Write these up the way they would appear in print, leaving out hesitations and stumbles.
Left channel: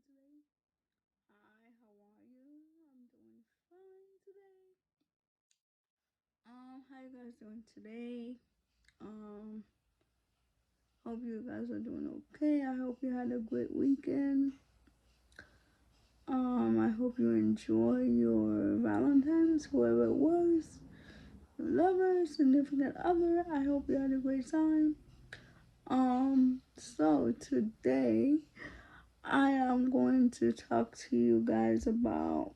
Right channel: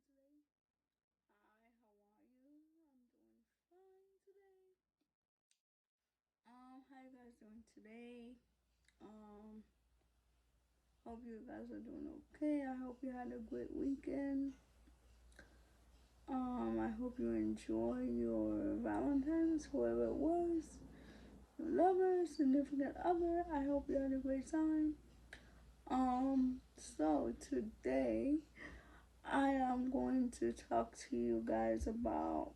doing today? Hi, how are you? I'm doing fine today. How you guys doing today? Um, hope you guys are doing okay. I hope you had a great weekend. I hope you enjoy your Valentine's, whoever it was, your lover, significant other. I hope you had a great time. So today I am going to talk to you guys about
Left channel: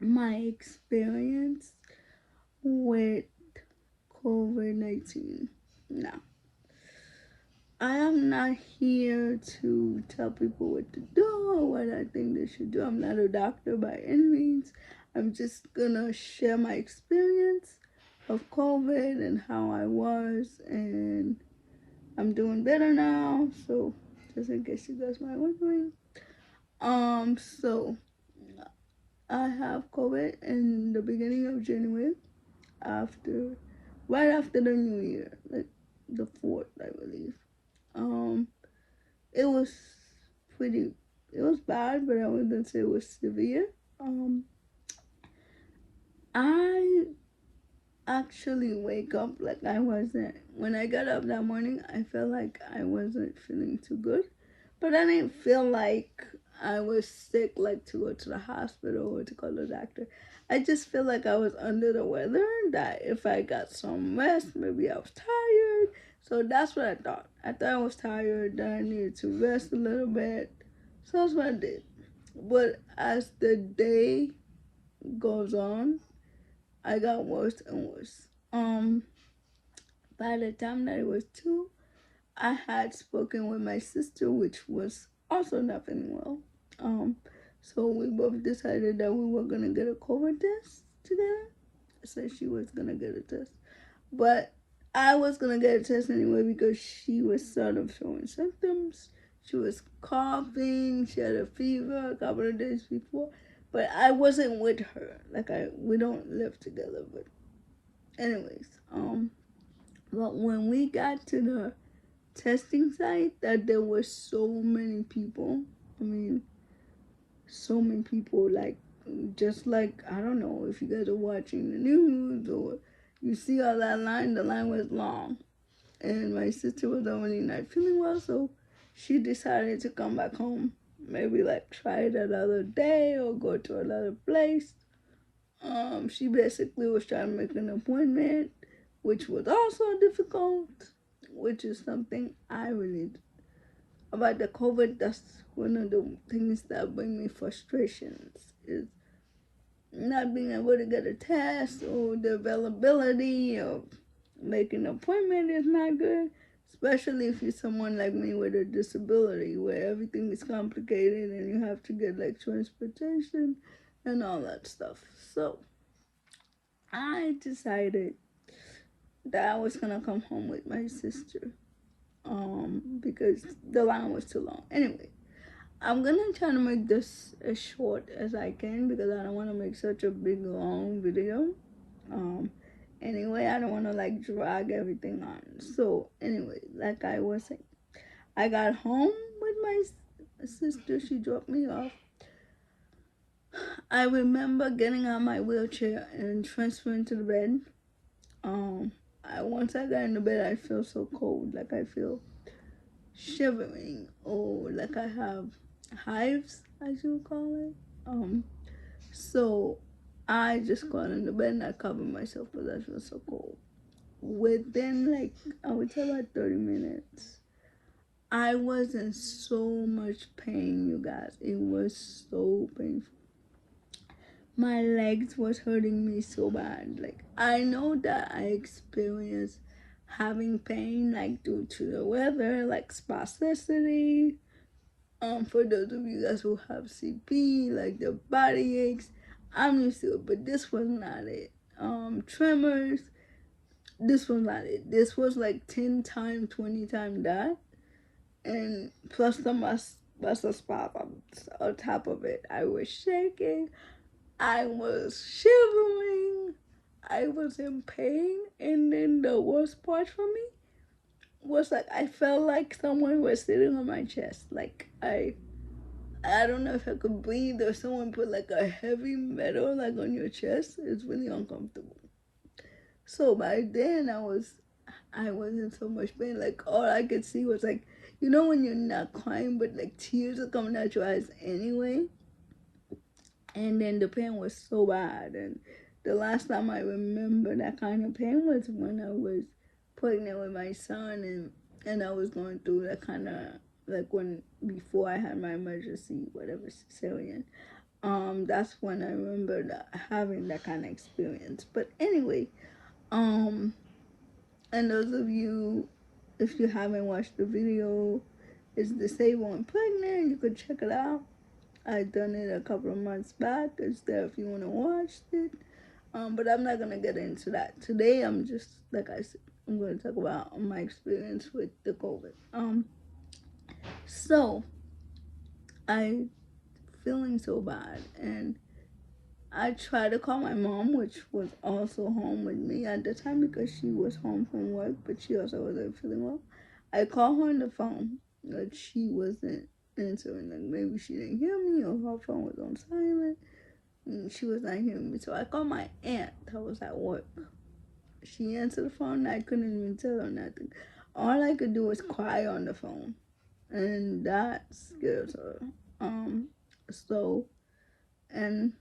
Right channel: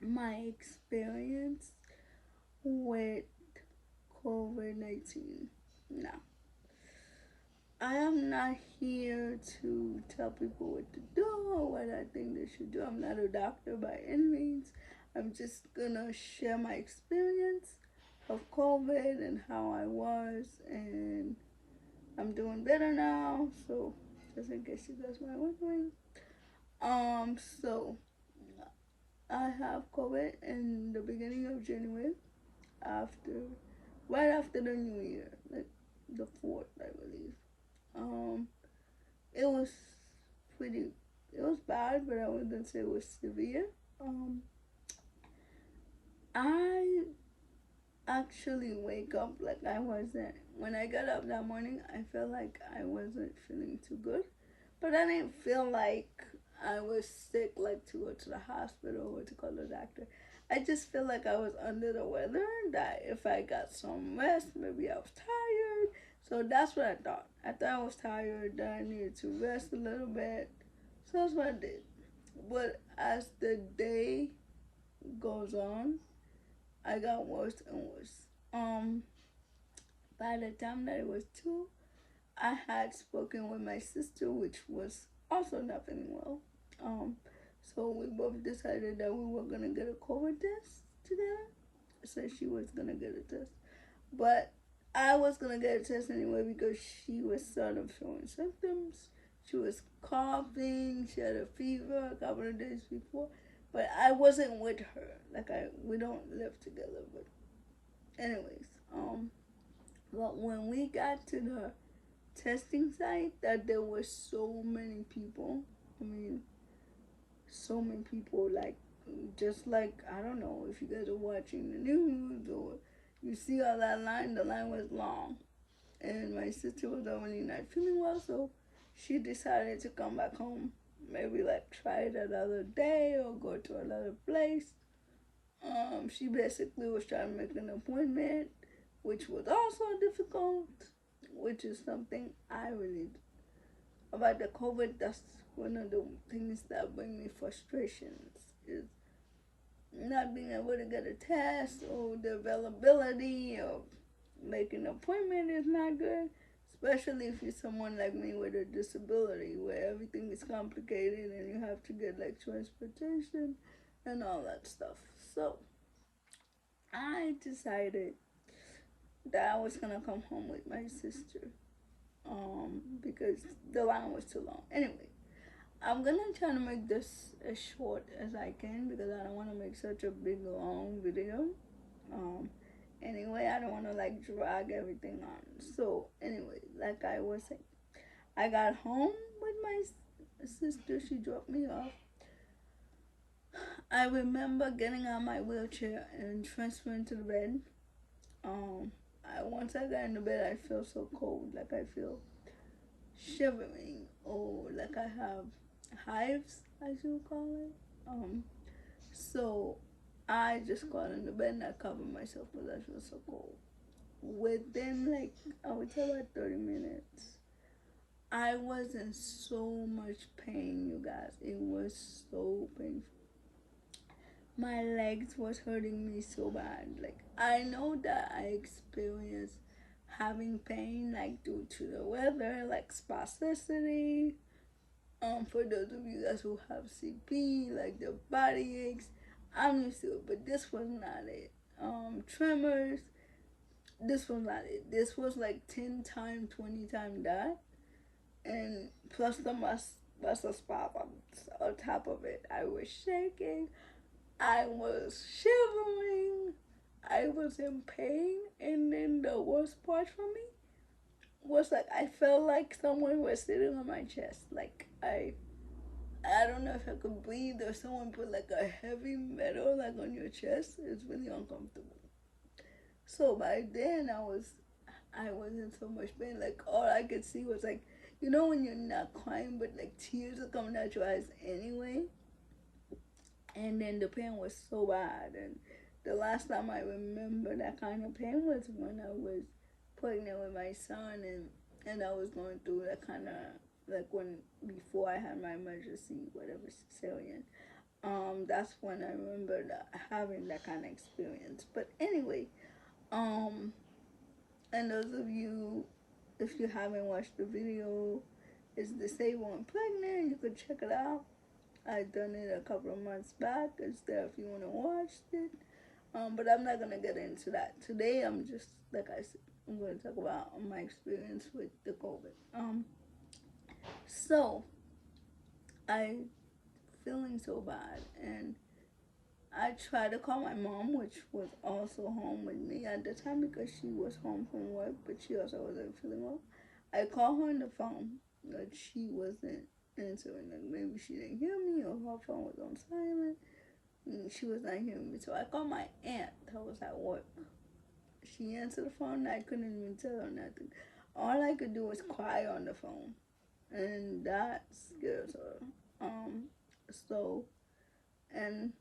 my experience with COVID-19. Now, I am not here to tell people what to do or what I think they should do. I'm not a doctor by any means. I'm just gonna share my experience of COVID and how I was, and I'm doing better now. So, just in case you guys might wondering, so I have COVID in the beginning of January, after right after the New Year, like the 4th, I believe. Um, it was pretty, it was bad, but I wouldn't say it was severe. Um, I actually wake up like I wasn't. When I got up that morning, I felt like I wasn't feeling too good, but I didn't feel like I was sick, like to go to the hospital or to call the doctor. I just feel like I was under the weather, that if I got some rest, maybe I was tired. So that's what I thought. I thought I was tired, that I needed to rest a little bit. So that's what I did. But as the day goes on, I got worse and worse. By the time that it was 2, I had spoken with my sister, which was also not feeling well. Um, so we both decided that we were gonna get a COVID test together. So she was gonna get a test, but I was gonna get a test anyway because she was sort of showing symptoms. She was coughing. She had a fever a couple of days before, but I wasn't with her. Like we don't live together. But anyways, but when we got to the testing site, that there were so many people. I mean, so many people, like, just like, I don't know if you guys are watching the news or you see all that line, the line was long. And my sister was already not feeling well, so she decided to come back home. Maybe like try it another day or go to another place. She basically was trying to make an appointment, which was also difficult, which is something I really about the COVID. That's one of the things that bring me frustrations is not being able to get a test, or the availability of making an appointment is not good, especially if you're someone like me with a disability where everything is complicated and you have to get like transportation and all that stuff. So I decided that I was gonna come home with my sister, because the line was too long. Anyway, I'm gonna try to make this as short as I can because I don't want to make such a big long video. Um, anyway, I don't want to like drag everything on. So anyway, like I was saying, I got home with my sister. She dropped me off. I remember getting out my wheelchair and transferring to the bed. Um, once I got in the bed, I feel so cold, like I feel shivering, or like I have hives, I should call it. So I just got in the bed and I covered myself because I feel so cold. Within like, I would say about 30 minutes, I was in so much pain, you guys. It was so painful. My legs was hurting me so bad. Like, I know that I experienced having pain like due to the weather, like spasticity. For those of you guys who have CP, like the body aches, I'm used to it, but this was not it. Tremors, this was not it. This was like 10 times, 20 times that, and plus the muscle spot on top of it. I was shaking, I was shivering, I was in pain, and then the worst part for me was like I felt like someone was sitting on my chest. I don't know if I could breathe, or someone put like a heavy metal like on your chest. It's really uncomfortable. So by then I was in so much pain. Like all I could see was like, you know when you're not crying but like tears are coming out your eyes anyway. And then the pain was so bad. And the last time I remember that kind of pain was when I was pregnant with my son, and I was going through that kind of, like when before I had my emergency whatever cesarean. That's when I remember having that kind of experience. But anyway, um, and those of you, if you haven't watched the video, it's Disabled and Pregnant. You could check it out. I done it a couple of months back. It's there if you want to watch it. But I'm not gonna get into that today. I'm just like I said, I'm going to talk about my experience with the COVID. So I feeling so bad, and I tried to call my mom, which was also home with me at the time because she was home from work, but she also wasn't feeling well. I called her on the phone, but she wasn't answering. Like maybe she didn't hear me, or her phone was on silent. And she was not hearing me, so I called my aunt that was at work. She answered the phone, and I couldn't even tell her nothing. All I could do was cry on the phone, and that scares her. Um, so and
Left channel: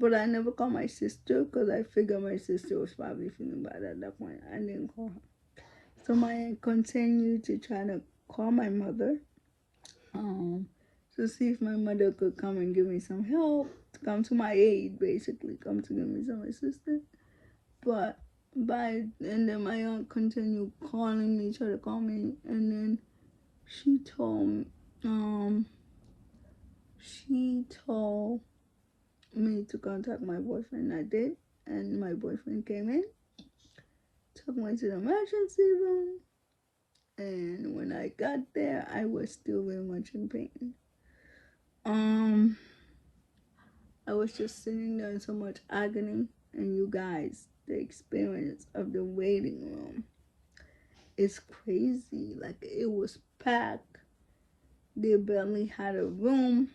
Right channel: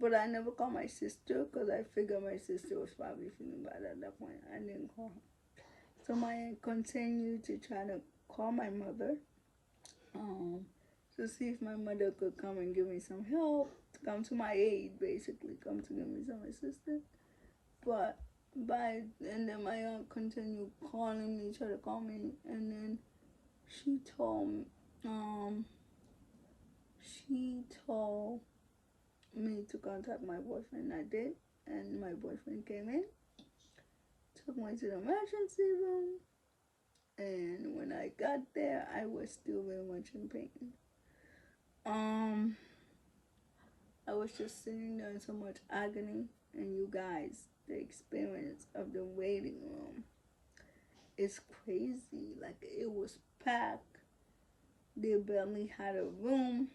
But I never called my sister because I figured my sister was probably feeling bad at that point. I didn't call her. So my aunt continued to try to call my mother, um, to see if my mother could come and give me some help, to come to my aid, basically, come to give me some assistance. But and then my aunt continued calling me, trying to call me, and then she told, um, she told me to contact my boyfriend. I did, and my boyfriend came in, took me to the emergency room, and when I got there, I was still very much in pain. Um, I was just sitting there in so much agony, and you guys, the experience of the waiting room is crazy. Like it was packed. They barely had a room.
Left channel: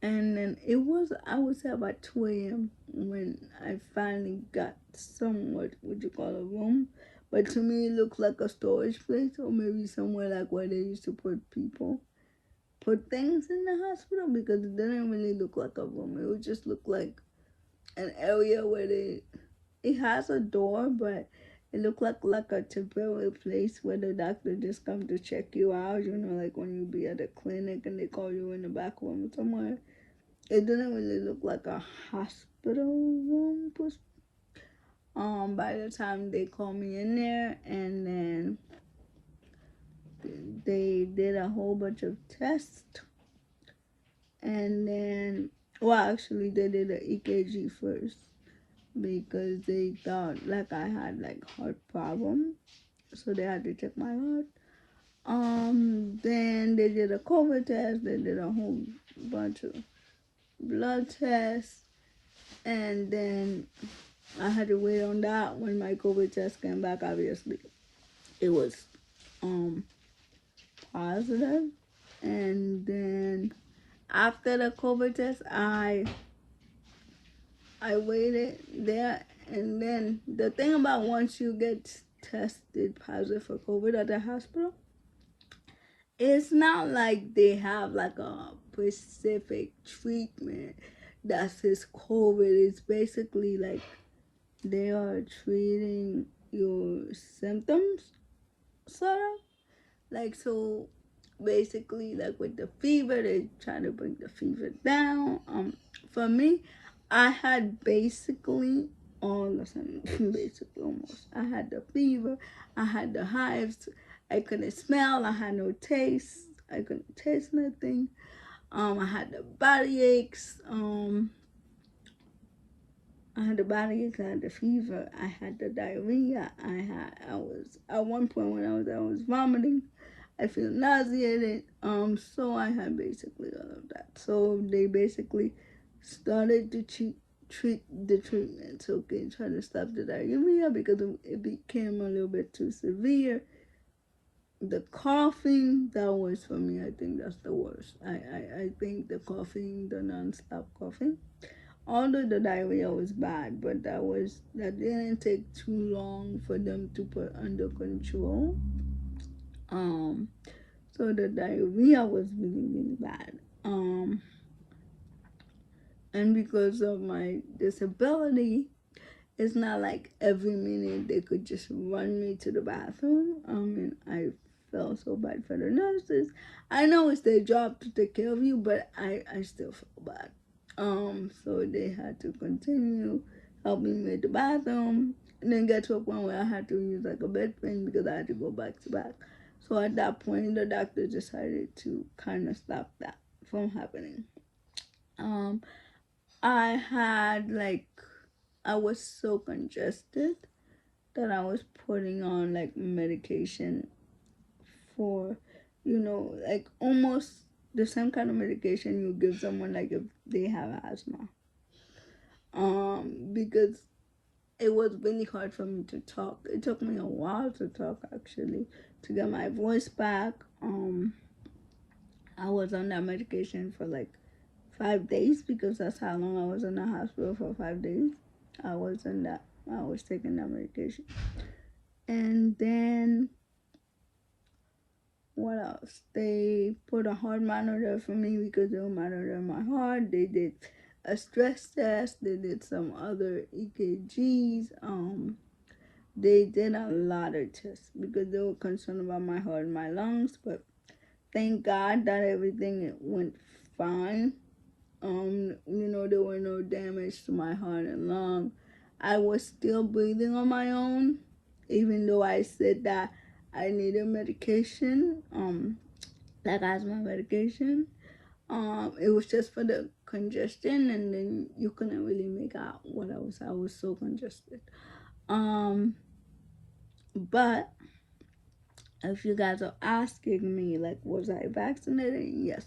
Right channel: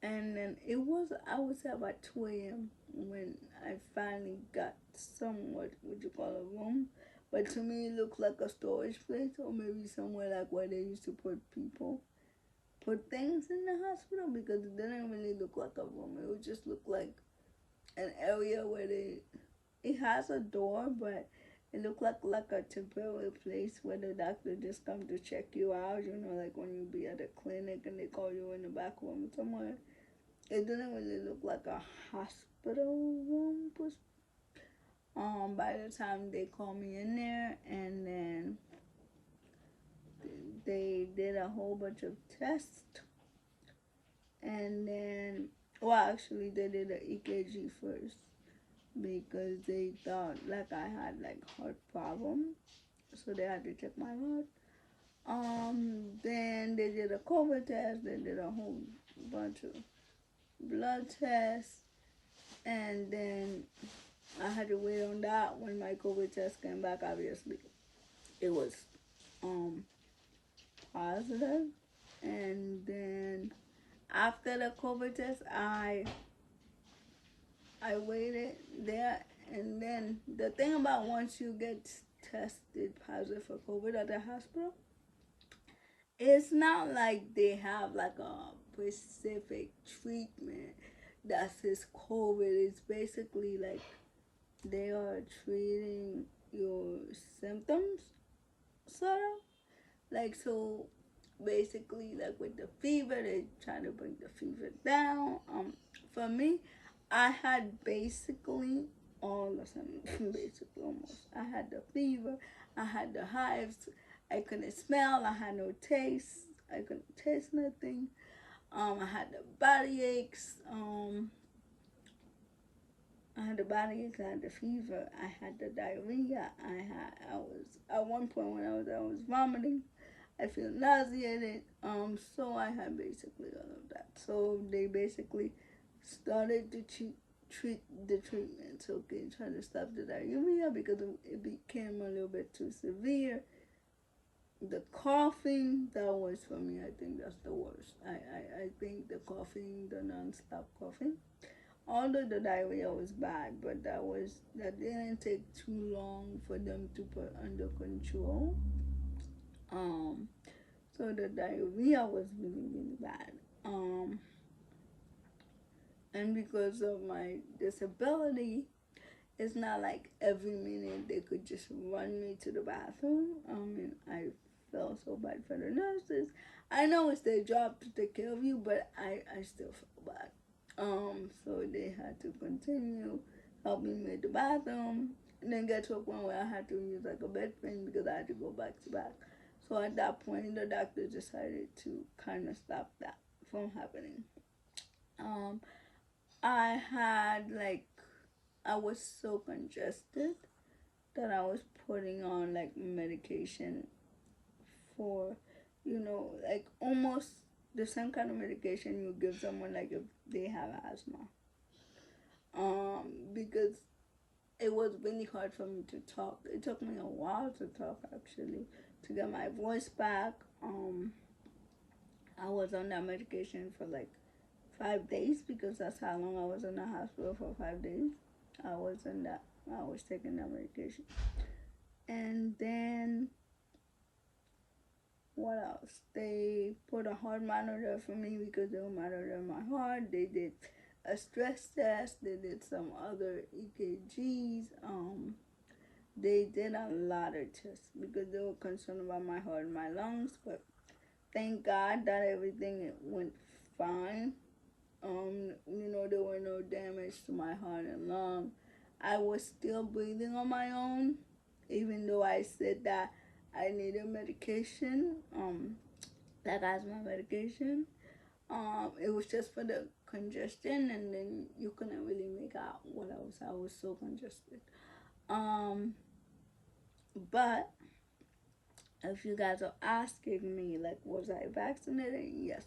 And then it was, I would say about 2 a.m. when I finally got somewhat, what you call a room. But to me, it looked like a storage place, or maybe somewhere like where they used to put people, put things in the hospital, because it didn't really look like a room. It would just look like an area where it has a door, but it looked like a temporary place where the doctor just come to check you out. You know, like when you be at a clinic and they call you in the back room somewhere. It didn't really look like a hospital room. By the time they called me in there, and then they did a whole bunch of tests, and then, well, actually, they did an EKG first because they thought like I had like heart problem, so they had to check my heart. Then they did a COVID test. They did a whole bunch of blood tests, and then I had to wait on that. When my COVID test came back, obviously it was um positive. And then after the COVID test, I waited there. And then the thing about once you get tested positive for COVID at the hospital, it's not like they have like a specific treatment that says COVID. It's basically like they are treating your symptoms, sort of. Like, so basically, like with the fever, they try to bring the fever down. For me, I had basically all the symptoms, basically almost. I had the fever, I had the hives, I couldn't smell, I had no taste, I couldn't taste nothing. I had the body aches. I had the body aches, I had the fever, I had the diarrhea, I was, at one point when I was vomiting, I feel nauseated. So I had basically all of that. So they basically started to treat the treatment. Okay, trying to stop the diarrhea because it became a little bit too severe. the coughing, that was for me, I think that's the worst. I think the coughing, the non-stop coughing. Although the diarrhea was bad, but that didn't take too long for them to put under control. Um, so the diarrhea was really, really bad. And because of my disability, it's not like every minute they could just run me to the bathroom. And I felt so bad for the nurses. I know it's their job to take care of you, but I still feel bad. So they had to continue helping me with the bathroom, and then get to a point where I had to use like a bedpan because I had to go back to back. So at that point, the doctor decided to kind of stop that from happening. Um, I had like I was so congested that I was putting on like medication for, like almost the same kind of medication you give someone like if they have asthma. Because it was really hard for me to talk. It took me a while to talk actually, to get my voice back. I was on that medication for like 5 days because that's how long I was in the hospital for 5 days. I was in that. I was taking that medication, and then what else? They put a heart monitor for me because they were monitoring my heart. They did a stress test. They did some other EKGs. They did a lot of tests because they were concerned about my heart and my lungs. But thank God that everything went fine. There were no damage to my heart and lung. I was still breathing on my own, even though I said that I needed medication, like asthma medication. It was just for the congestion, and then you couldn't really make out what I was. I was so congested. Um, but if you guys are asking me, like, was I vaccinated? Yes.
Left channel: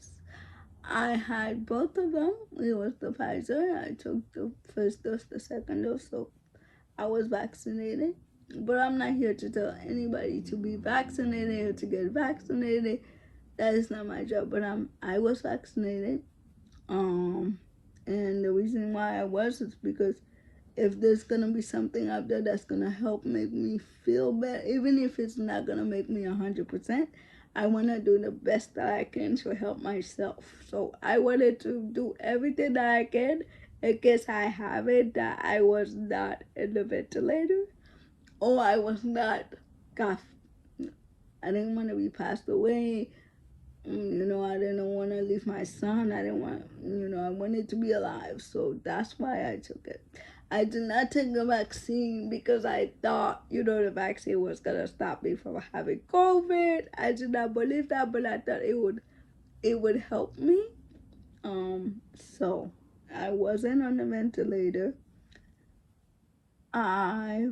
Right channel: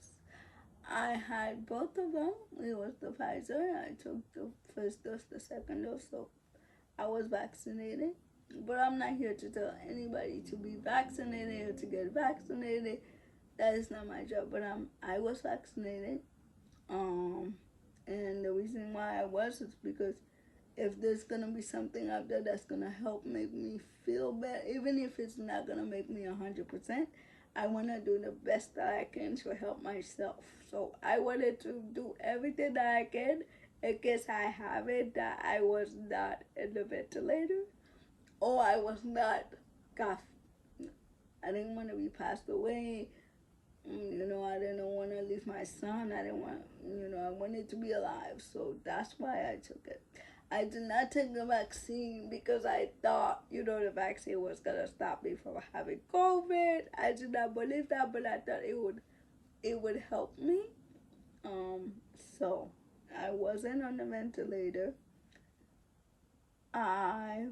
I had both of them. It was the Pfizer. I took the first dose, the second dose, so I was vaccinated. But I'm not here to tell anybody to be vaccinated or to get vaccinated. That is not my job. But I was vaccinated. And the reason why I was is because if there's gonna be something out there that's gonna help make me feel better, even if it's not gonna make me 100%, I wanna do the best that I can to help myself. So I wanted to do everything that I can in case I have it, that I was not in the ventilator or I was not got. I didn't want to be passed away. I didn't want to leave my son. I didn't want, I wanted to be alive. So that's why I took it. I did not take the vaccine because I thought, the vaccine was going to stop me from having COVID. I did not believe that, but I thought it would help me. Um, so I wasn't on the ventilator. I,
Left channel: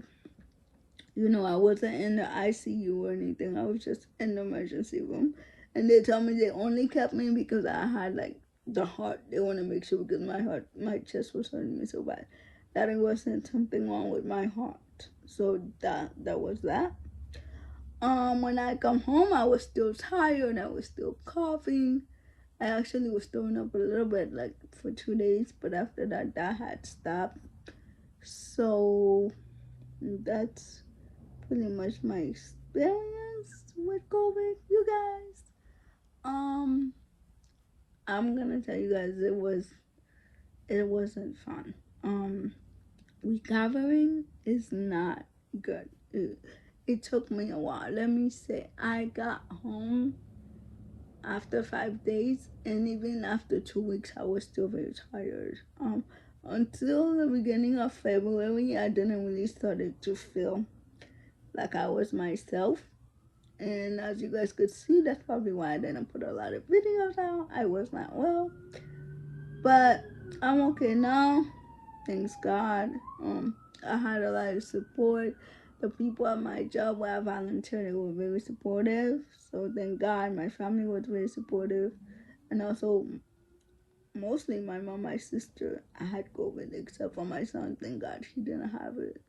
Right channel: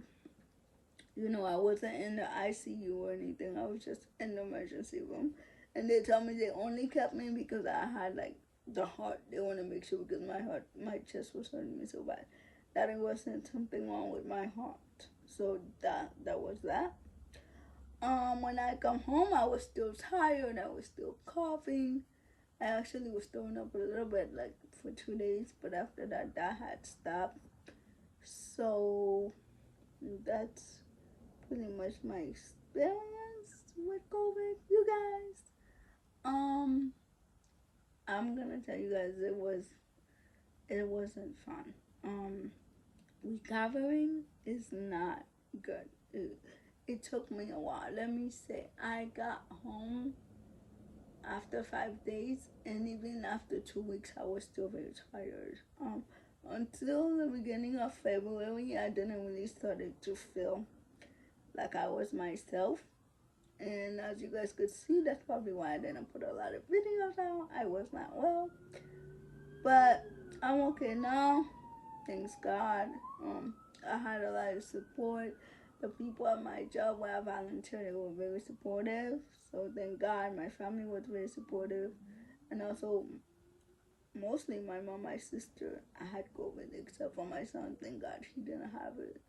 I wasn't in the ICU or anything. I was just in the emergency room. And they told me they only kept me because I had like the heart. They want to make sure because my chest was hurting me so bad that it wasn't something wrong with my heart. So that was that. When I come home, I was still tired. I was still coughing. I actually was throwing up a little bit, like for 2 days, but after that had stopped. So that's pretty much my experience with COVID, you guys. Um, I'm gonna tell you guys it wasn't fun. Recovering is not good. It took me a while. Let me say, I got home after 5 days, and even after 2 weeks, I was still very tired. Until the beginning of February, I didn't really started to feel like I was myself. And as you guys could see, that's probably why I didn't put a lot of videos out. I was not well, but I'm okay now. Thanks God. I had a lot of support. The people at my job where I volunteered, they were very supportive. So thank God, my family was very supportive, and also mostly my mom, my sister. I had COVID except for my son. Thank God he didn't have it.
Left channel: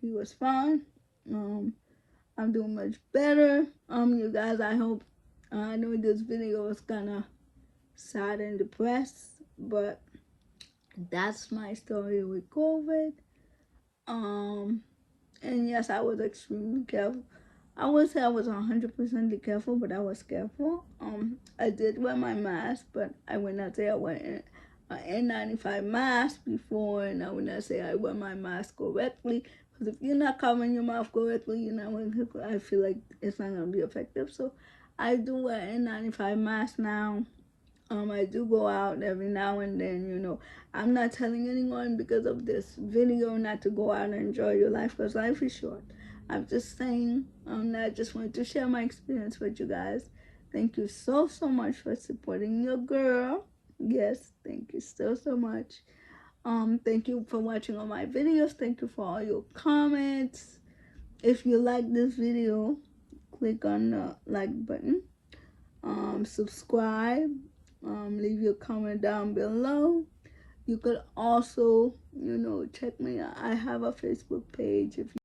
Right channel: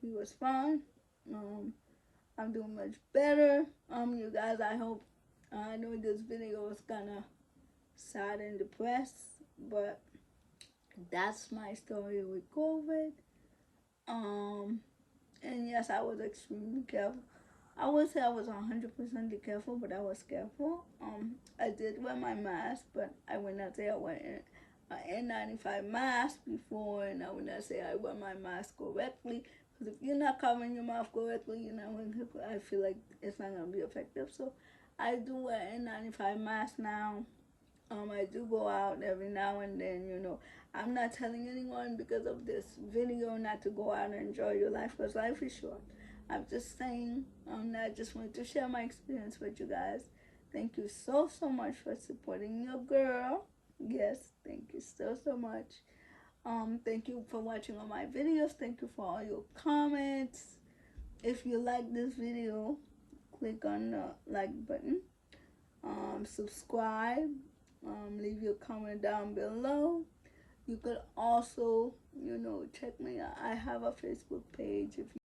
He was fine. I'm doing much better. You guys, I hope, I know this video is kind of sad and depressed, but that's my story with COVID. And yes, I was extremely careful. I would say I was 100% careful, but I was careful. I did wear my mask, but I would not say I wear an N95 mask before, and I would not say I wear my mask correctly. Because if you're not covering your mouth correctly, you're not going to, I feel like it's not going to be effective. So I do wear N95 mask now. I do go out every now and then, you know. I'm not telling anyone because of this video not to go out and enjoy your life because life is short. I'm just saying, I just wanted to share my experience with you guys. Thank you so much for supporting your girl. Yes, thank you so much. Thank you for watching all my videos. Thank you for all your comments. If you like this video, click on the like button. Subscribe. Leave your comment down below. You could also, you know, check me out. I have a Facebook page if you